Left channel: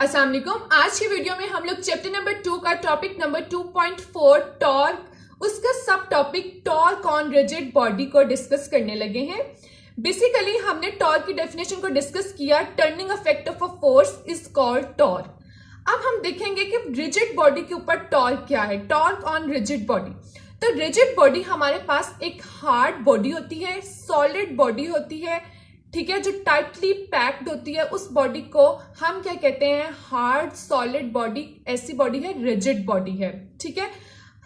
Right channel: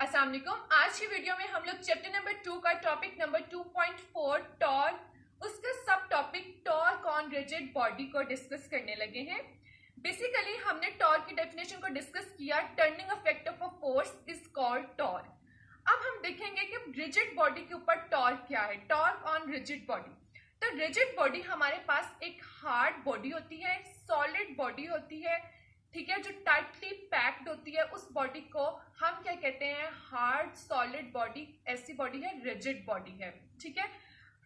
अस्सलाम वालेकुम। आज की वीडियो में हम लोग चैप्टर नंबर 2 का टॉपिक नंबर 2.4 टॉर्क, उसका सब topic torque on rigid body को डिस्कस करने लगे हैं। बेसिकली हमने टॉर्क की डेफिनेशन को डिस्कस किया। Turning effect of a force is called torque. अब हम देखेंगे कि रिजिड बॉडी के ऊपर टॉर्क क्या है। टॉर्क ऑन रिजिड बॉडी, तो रिजिड बॉडी हमारे पास एक हार्ड बॉडी होती है, सॉलिड बॉडी होती है, ठीक है, जो टाइटली पैक्ड होती है। उस बॉडी को हम क्या कहते हैं? Hard solid body. ऐसी बॉडी है रिजिड बॉडी है, ठीक है।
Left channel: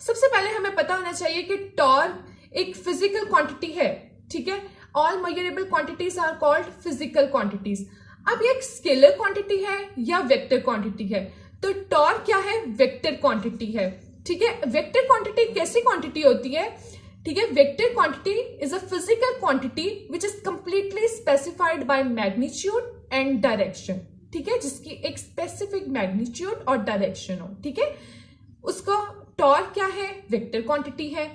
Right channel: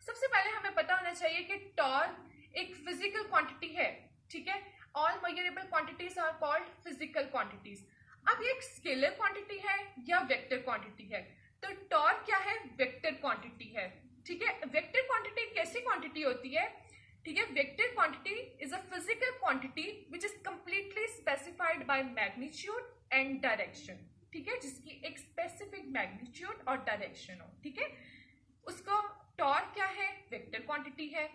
सबसे पहले हमें पता होना चाहिए कि टॉर्क एक फिजिकल क्वांटिटी है, ठीक है। All measurable quantities are called physical quantities. अब ये एक स्केलर क्वांटिटी है या वेक्टर क्वांटिटी है? तो टॉर्क क्या है? वेक्टर क्वांटिटी है, ठीक है। वेक्टर क्वांटिटी कैसी क्वांटिटी होती है? ठीक है, vector quantity is a physical quantity which is completely specified by magnitude and direction, ठीक है, जिसकी एक स्पेसिफिक मैग्नीट्यूड और डायरेक्शन हो, ठीक है। उसको टॉर्क क्या है? वेक्टर क्वांटिटी है,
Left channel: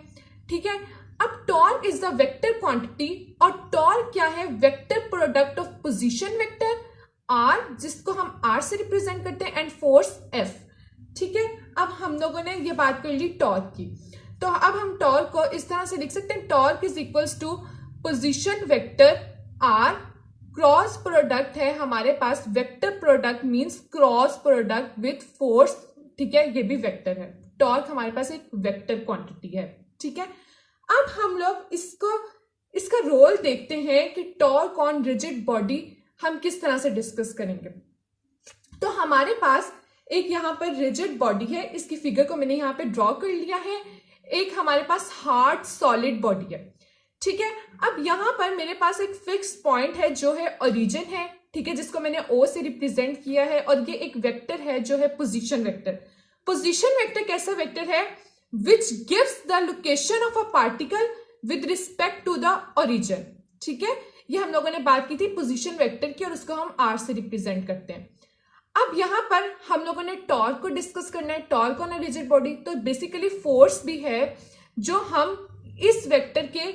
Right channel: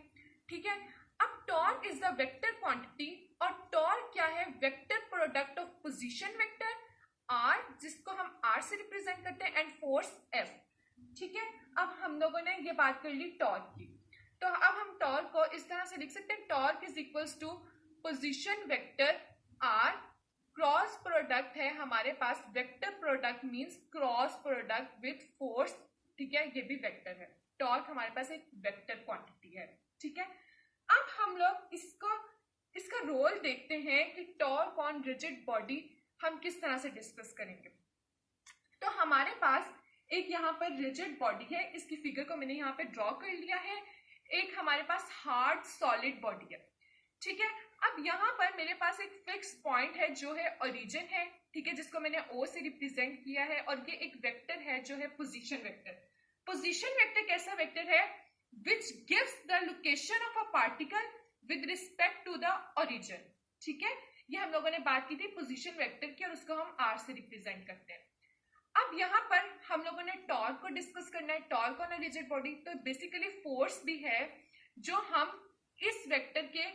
ठीक है। अब torque is the vector quantity, और टॉर्क क्या है? Vector product of position vector R, जिसको हम आर से रिप्रेजेंट करते हैं, एंड फोर्स एफ, ठीक है। अब हम लोगों ने ये बात कर ली टॉर्क की, तो अब हम टॉर्क को इस तरह से लिख सकते हैं। Torque is equals to position vector r, cross product है हमारे पास। Vector product means cross product with force, ठीक है, ये भी वेक्टर है। टॉर्क हमारे पास एक वेक्टर क्वांटिटी है, ठीक है। अब हम लोग इसका रोल देखते हैं कि टॉर्क ऑन रिजिड बॉडी हम किस तरह से डिस्कस करेंगे। तो हमारे पास एक यहाँ पर रिजिड बॉडी है, इसकी फिगर को मैंने यहाँ पे ड्रॉ कर लिया है। एक हमारे पास हार्ड सॉलिड बॉडी है, ठीक है। अब यहाँ पर मेरे पास एक फिक्स पॉइंट है जो है ओरिजिन है, ठीक है, जिसको मैंने ओ से रिप्रेजेंट किया है, और ये एक वेक्टर है जो है पोजीशन वेक्टर। पोजीशन वेक्टर कैसा वेक्टर है? Which gives the location of a particle with respect to the origin, ठीक है। ये हम लोगों ने बात की थी पोजीशन वेक्टर की, और उसको हम आर से रिप्रेजेंट करते हैं। अब यहाँ पर हम लोगों ने टॉर्क को डिस्कस करना है, torque on a rigid body. तो बेसिकली फोर्स भी है जो हम इस वेक्टर के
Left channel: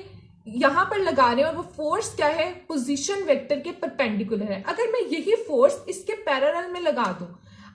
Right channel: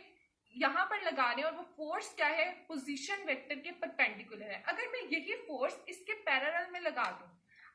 यहाँ पर लगा रहे हैं, और वो फोर्स क्या है? पोजीशन वेक्टर के परपेंडिकुलर है। अगर मैं यही फोर्स इसके पैरेलल में लगा दूं,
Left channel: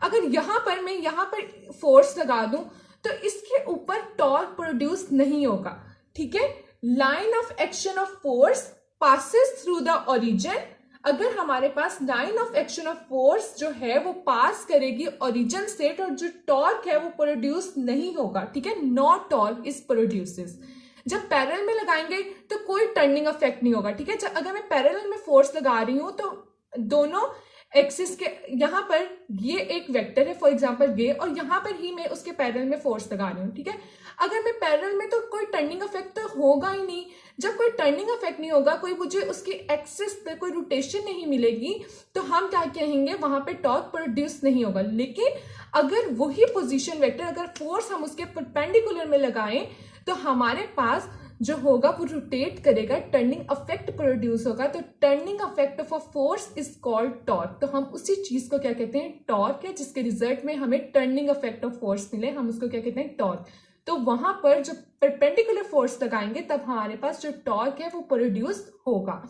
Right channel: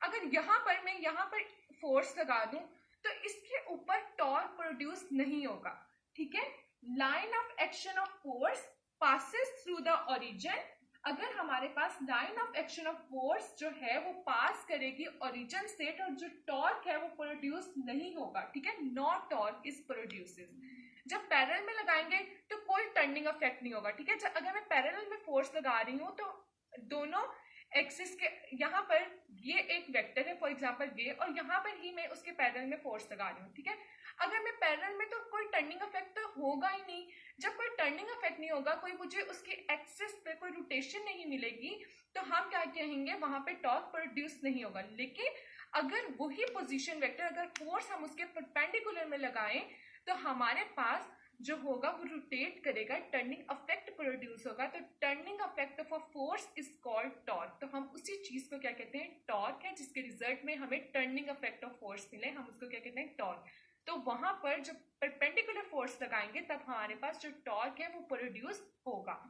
अगर मैं यहाँ पर फोर्स लगा दूं, तो इसके ऊपर टॉर्क प्रोड्यूस नहीं होगा, ठीक है। Line of action of force passes through the origin. अगर हमारे पास line of action of force जो है वो पास करेगी ओरिजिन से, तो जो टॉर्क है वो प्रोड्यूस नहीं होगा, ठीक है। No torque is produces. जब पैरेलल में लगाएंगे तो कोई टर्निंग इफेक्ट नहीं होगा, ठीक है। अगर मैं पैरेलल में फोर्स लगा रही हूं, तो दोनों एक्सिस के यहाँ पर ये एक वेक्टर है फॉर एग्जांपल ये, और यहाँ पर ही मैं उसके पैरेलल में फोर्स लगा रही हूँ, ठीक है। अगर मैं पैरेलल में, तो कोई टर्निंग इफेक्ट तो होगा ही नहीं। जब कोई टर्निंग इफेक्ट नहीं होगा, कोई मुझे उसकी एक्सिस पे कोई रोटेशन नहीं मिलेगी, तो हम क्या कहेंगे? वहां पे टॉर्क प्रोड्यूस नहीं होगा। लेकिन अगर वही पोजीशन वेक्टर, अगर फोर्स हम उसके परपेंडिकुलर में लगाएं, तो हमारे पास जो होगा वो रोटेट करेगा, टर्निंग इफेक्ट प्रोड्यूस होगा। तो turning effect of a force is called torque. तो हम उसी चीज को क्या कहते हैं? टॉर्क है, जिसके रिजल्ट में हमें टर्निंग इफेक्ट ऑफ फोर्स मिले, हम उसको क्या कहते हैं? टॉर्क। तो वहां पर जो परपेंडिकुलर फोर्स लगाएंगे, तब हमारे पास जो टॉर्क है वो प्रोड्यूस होगा।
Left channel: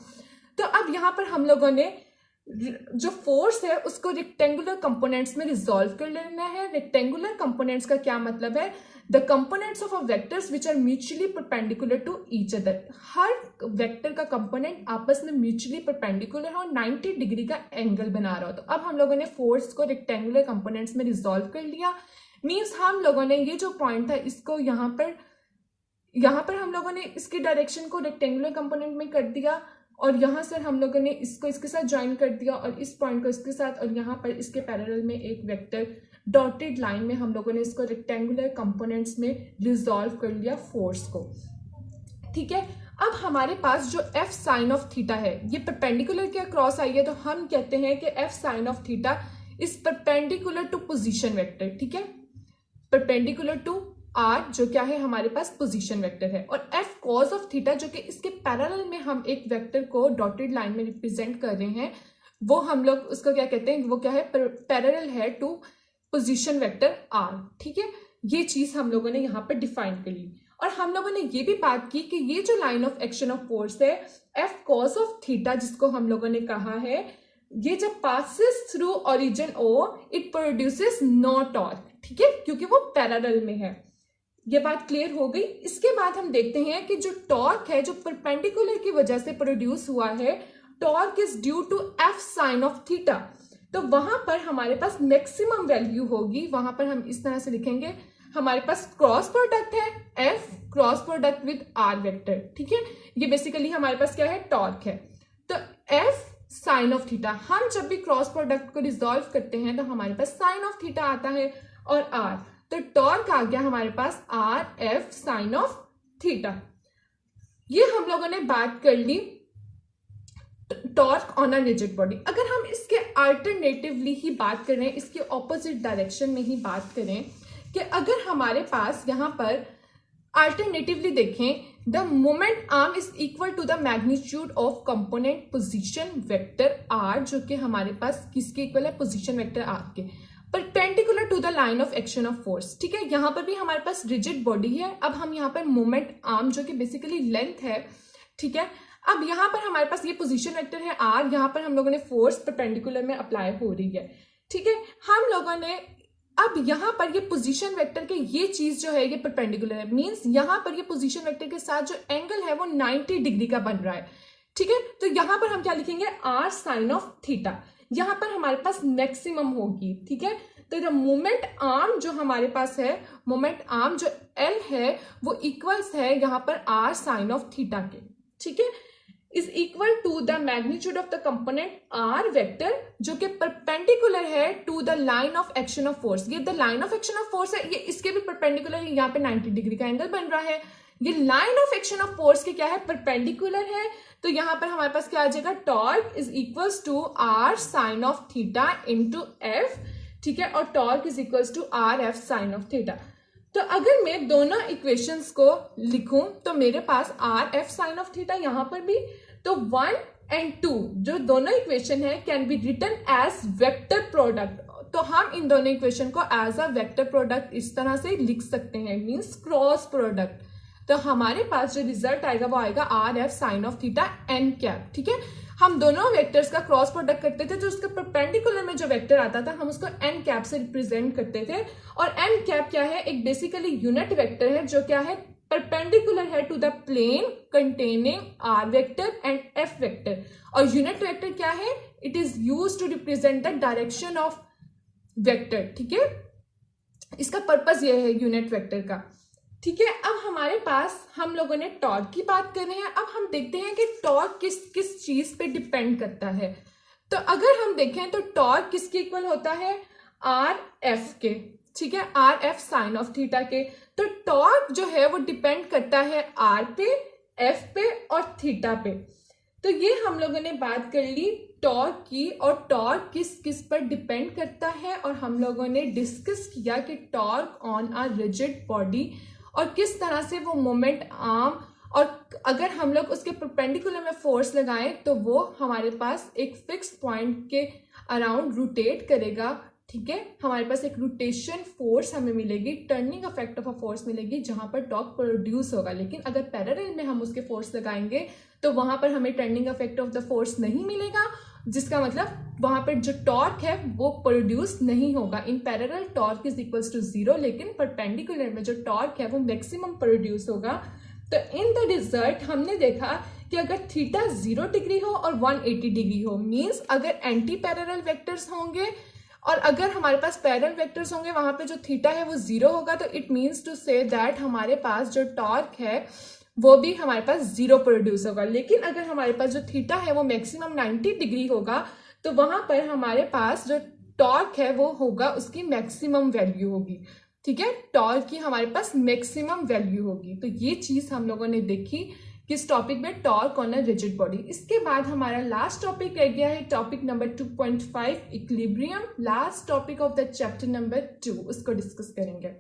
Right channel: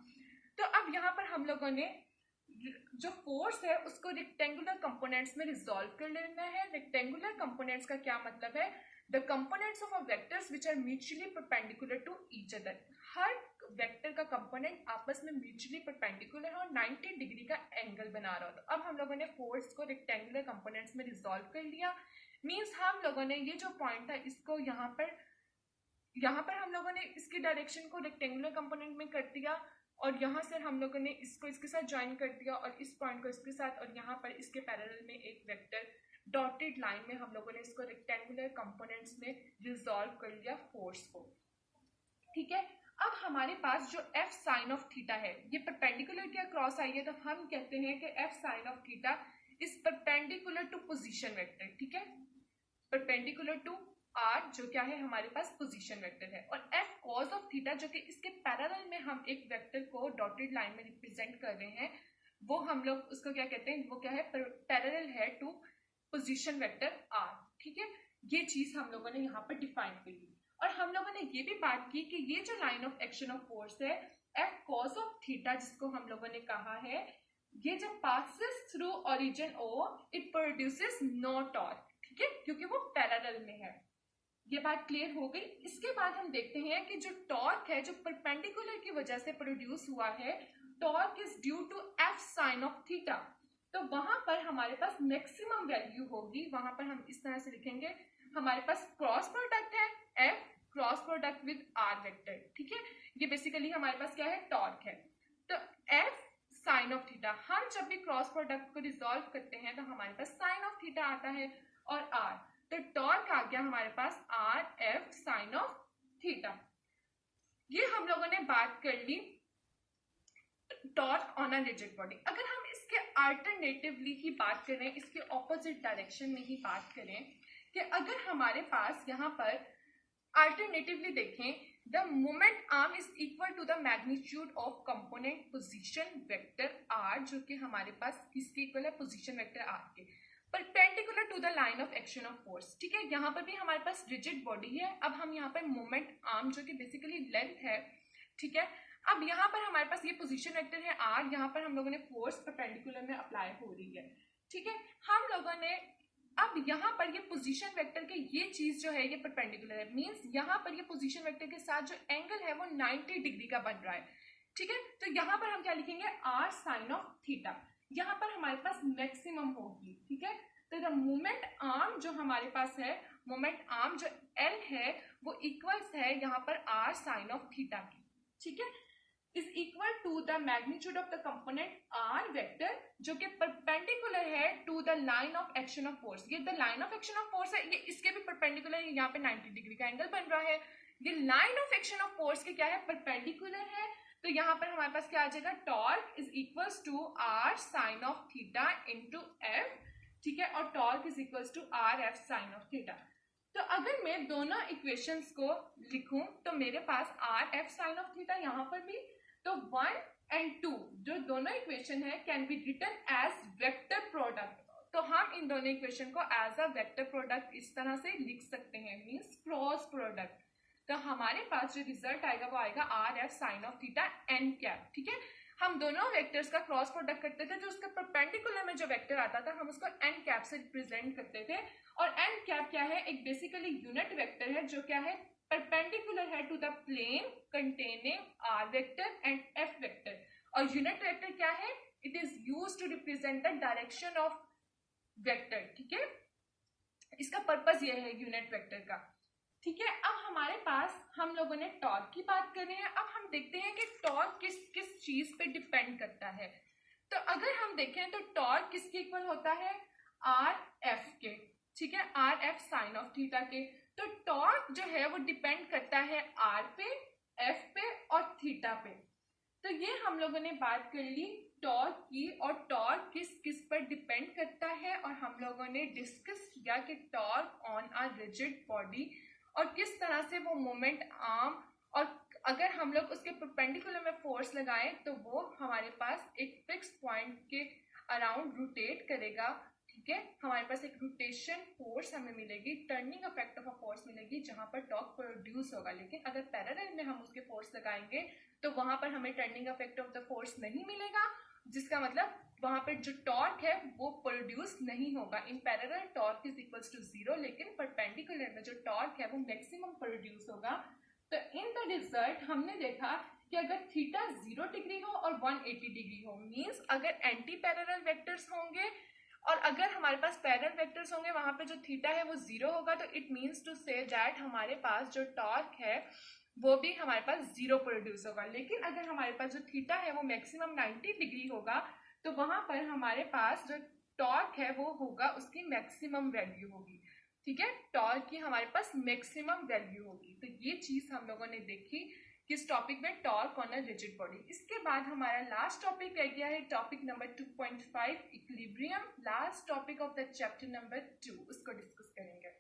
तो अब यहाँ पर हम लोगों ने जो फोर्स है उसको रेक्टेंगुलर कंपोनेंट्स में रिजॉल्व कर लेना है। रेक्टेंगुलर कंपोनेंट्स का क्या मतलब है? The components of a vectors which are mutually perpendicular to each other. हर वेक्टर का कंपोनेंट आपस में म्यूचुअली परपेंडिकुलर हो और 90 डिग्री का एंगल बना रहा हो। तो अब हम लोगों ने फोर्स को रेक्टेंगुलर कंपोनेंट्स में रिजॉल्व कर लिया। मीन्स हम लोगों ने ये जो पॉइंट था, इसको यहाँ पर हम लोगों ने इसकी डायरेक्शन को रेक्टेंगुलर कंपोनेंट में कर दिया, और यहाँ से हम लोगों ने इसको इसके साथ ज्वाइन कर दिया, और इस पॉइंट को इसके साथ, और यहाँ पर इसके पैरेलल में एक वेक्टर डॉटेड लाइन में हम लोगों ने इसको रेक्टेंगुलर कंपोनेंट्स में रिजॉल्व कर लिया फोर्स को, ठीक है। अब हमारे पास जो एफ साइन ऑफ थीटा है, ये परपेंडिकुलर के क्रॉस आई है, तो हम कहते हैं कि F sine of theta is perpendicular to position vector, ठीक है। परपेंडिकुलर टू आर, जो क्या है हमारे पास पोजीशन वेक्टर है, और एफ कॉज ऑफ थीटा, जो कि इसके पैरेलल में हम एक वेक्टर को डॉटेड लाइन में रिप्रेजेंट कर रहे हैं, वो हम लोग उसको क्या कहते हैं? वो क्या है? पैरेलल है टू पोजीशन वेक्टर आर, ठीक है। ये चीज हम लोगों ने यहाँ पर डिफाइन कर ली, और हम लोगों ने ये भी बात की कि ये जो line of action of force है, एफ कॉज ऑफ थीटा, जिसको हम लोगों ने कहा है ये जब passes through origin O it produces no torque, ठीक है, क्योंकि वो पैरेलल में है। ये बात क्लियर हो गई। इसके बाद हम देखते हैं कि जो टॉर्क है जो परपेंडिकुलर की वजह से प्रोड्यूस हुआ है, torque is due to F sine of theta. तो वहां पर हमारे पास मैक्सिमम वैल्यू होगी, वहां पर हम इस तरह से लिखेंगे, हमारे पास क्रॉस प्रोडक्ट है F cross product with R vector, ठीक है, ये बेसिकली हमारे पास क्या है, टॉर्क है। तो एफ साइन ऑफ थीटा, हम जब भी क्रॉस प्रोडक्ट को रिजॉल्व करते हैं तो हमारे पास साइन ऑफ थीटा आता है और आर, तो टॉर्क आ गया हमारे पास r F sine of theta. ये हम लोगों ने बात कर ली torque on a rigid body. अगर हम इसके अल्टरनेटिवली ही बात करें, इसके ऑपोजिट डायरेक्शन में ही बात करें कि अगर हमारे पास यहाँ पर अल्टरनेटिवली देखें, the moment arm is equal to the magnitude of component position vector R, जो कि हमारे पास किसके इक्वल है, पोजीशन वेक्टर आर के, perpendicular to the line of action of force, ठीक है। यहाँ पर भी हमारे पास रिजिड बॉडी है। अब हम यहाँ पर मोमेंट आर्म जो कि बेसिकली लेंथ है, ठीक है, अब यहाँ पर हमारे पास ये पोजीशन वेक्टर है आर, यहाँ पर हम लोगों ने फोर्स परपेंडिकुलर में अप्लाई हो रही है, ठीक है। हम लोगों ने अब यहाँ पर ये पोजीशन वेक्टर के ये चीज जो है ये परपेंडिकुलर है, मींस यहाँ पर ये पोजीशन वेक्टर के साथ जो एंगल है वो 90 डिग्री का बन रहा है, ठीक है। तो यहाँ पर हम क्या लिखेंगे, आर साइन ऑफ थीटा, यहाँ पर हमारे पास मैक्सिमम होगी, ठीक है। तो द मोमेंट आर्म जो हमारे पास है, मोमेंट आर्म जो एल है वो इक्वल्स है यहाँ पर आर साइन ऑफ थीटा के, ठीक है, is equal to the magnitude of the component r vector जो कि परपेंडिकुलर है to the line of action of force. ये the line of action of force है, ये इसके भी परपेंडिकुलर है, यहाँ पे 90 डिग्री का एंगल बन रहा है। ये line of action of force के क्या है, परपेंडिकुलर है। तो यहाँ पर हमारे पास क्या आ जाएगा, torque is equals to r sine of theta into F, ठीक है, और torque is equals to r F sine of theta. तो अगर मैं दोनों इक्वेशंस को लिखूं तो मेरे पास r F sine of theta यहाँ पर भी, तो 1 and 2 जो दोनों इक्वेशन है can be written as vector product. तो हम इन दोनों इक्वेशन को एज अ वेक्टर प्रोडक्ट इस तरह से लिख सकते हैं, मींस क्रॉस प्रोडक्ट। तो हमारे पास जो रिजल्ट आएगा वो आएगा R F sine of theta N cap, ठीक है। हम दोनों वेक्टर्स का क्रॉस प्रोडक्ट करते थे तो उसके परपेंडिकुलर में जो वेक्टर आता था हम उसको एन कैप से रिप्रेजेंट करते थे। और एन कैप क्या है, एक बेसिकली यूनिट वेक्टर है जो क्या है, परपेंडिकुलर है to the plane containing R vector and F vector. और यूनिट वेक्टर क्या है, it is used to represent the direction of vector, ठीक है, इसका पर्पस ये है यूनिट वेक्टर का, ठीक है। अब हमारे पास हम लोगों ने टॉर्क की बात कर रहे हैं, अब हम देखते हैं कि टॉर्क किस किस चीज पे डिपेंड करता है। तो अगर हम देखें तो टॉर्क किसके इक्वल होता है, आर एफ के, ठीक है, are F sine of theta के। तो टॉर्क जो है वो डिपेंड करता है आर पे, एफ पे और थीटा पे। तो ये हम लोगों ने बात कर ली टॉर्क की, और टॉर्क किस किस पर डिपेंड करता है, और हम लोगों ने डिस्कस किया कि torque on a rigid body और किस तरह से वो मोमेंट आर्म, और अगर हम लोग उसके परपेंडिकुलर में फोर्स लगाएं तो वो हमारे पास एक फिक्स पॉइंट के अराउंड रोटेट करेगा, ठीक है। हमारे पास एक रोटेशन फोर्स हमें मिलेगी, turning effect of a force मिलेगी जहां पर टॉर्क प्रोड्यूस होगा। लेकिन अगर पैरेलल में हम उसके फोर्स लगाएंगे तो वहां पर हमें turning effect of the force नहीं मिलेगा, जिसका मतलब वहां पर जो टॉर्क है वो प्रोड्यूस नहीं होगा। In parallel torque is equals to 0, लेकिन परपेंडिकुलर में जो टॉर्क है वो मैक्सिमम प्रोड्यूस होगा। तो इन द रिजल्ट हमने देखा कि अगर थीटा 0 डिग्री हो और 180 डिग्री हो, मींस अगर एंटी पैरेलल वेक्टर्स होंगे और अगर हमारे पास पैरेलल वेक्टर्स होंगे वहां पे जो थीटा है वो 0 होगा, तो it means to say that हमारे पास जो टॉर्क है वो भी हमारे पास 0 प्रोड्यूस होगा। लेकिन अगर हमारे पास जो थीटा है वो मैक्सिमम 90 डिग्री होगा तो वहां पर हमारे पास जो टॉर्क है वो होगा, उसकी मैक्सिमम वैल्यू होगी, ठीक है, टॉर्क की हमारे पास मैक्सिमम वैल्यू होगी। तो ये चीज हम लोगों ने देखी किस टॉपिक में, torque on a rigid body. इसके बाद हमारा लास्ट टॉपिक रह गया है topic number 2.5 equilibrium, last topic of the chapter number 2, उसको डिस्कस करेंगे।